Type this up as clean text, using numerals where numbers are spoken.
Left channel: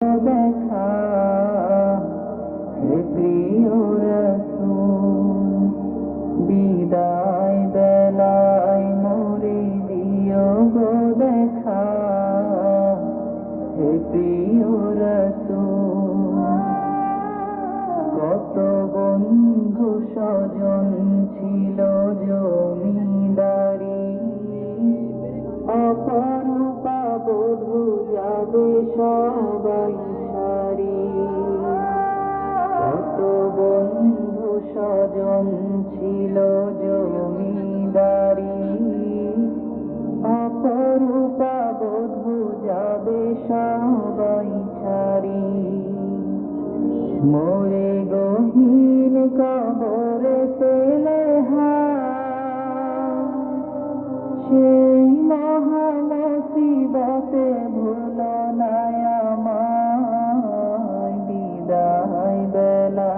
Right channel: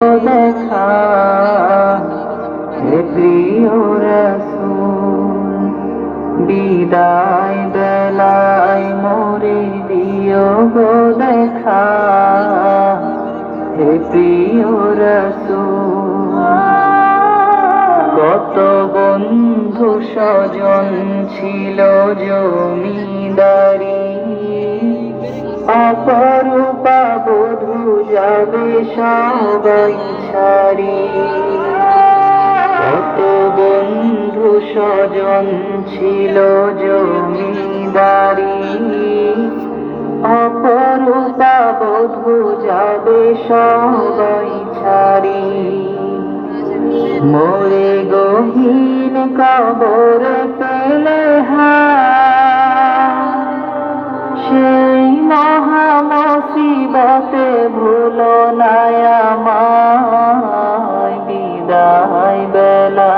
দেখা হে প্রিয় রাসূল, বিদায় বেলায় মোরে দিও গো দেখা হে প্রিয় রাসূল। কত বন্ধু স্বজন ছিল জমিদারি, অপরূপা বধূ যাবে সবাই ছাড়ি। কত বন্ধু স্বজন ছিল জমিদারি, অপরূপা বধূ যাবে সবাই ছাড়ি। মোরে গহীন কবর পেলে সেই মহা মুসিবতে ভুলো না আমায়। বিদায় বেলা